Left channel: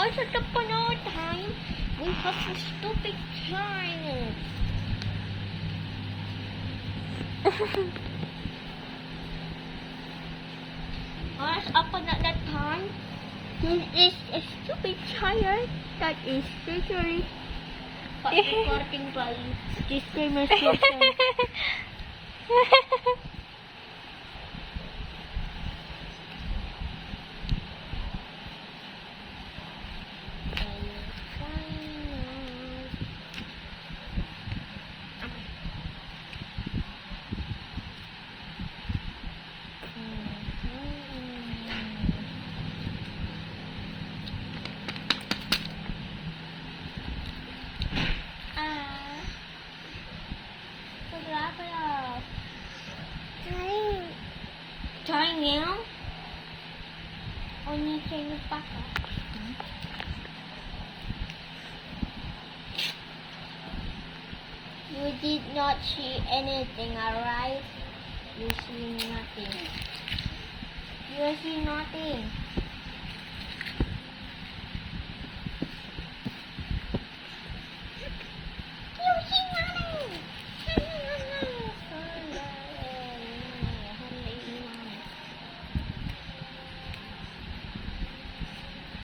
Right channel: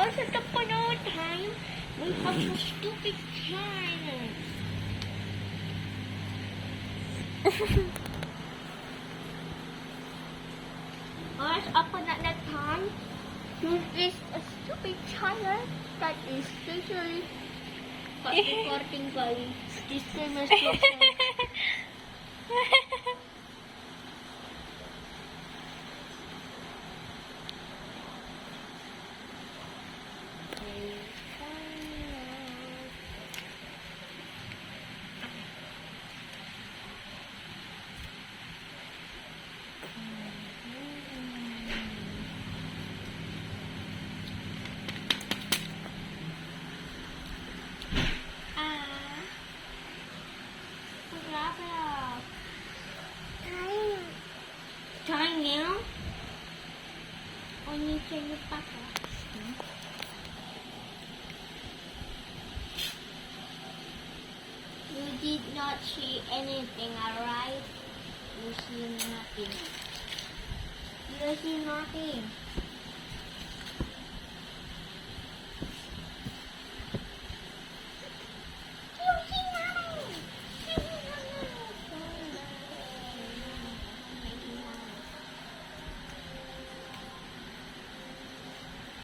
Also, the panahon time, we have the stupid giant. Once upon at that time, there is a stupid giant that is literally according by this famous person. Trying now? Only trying to pack up. You did not see anything, alright? You see nothing. You see nothing.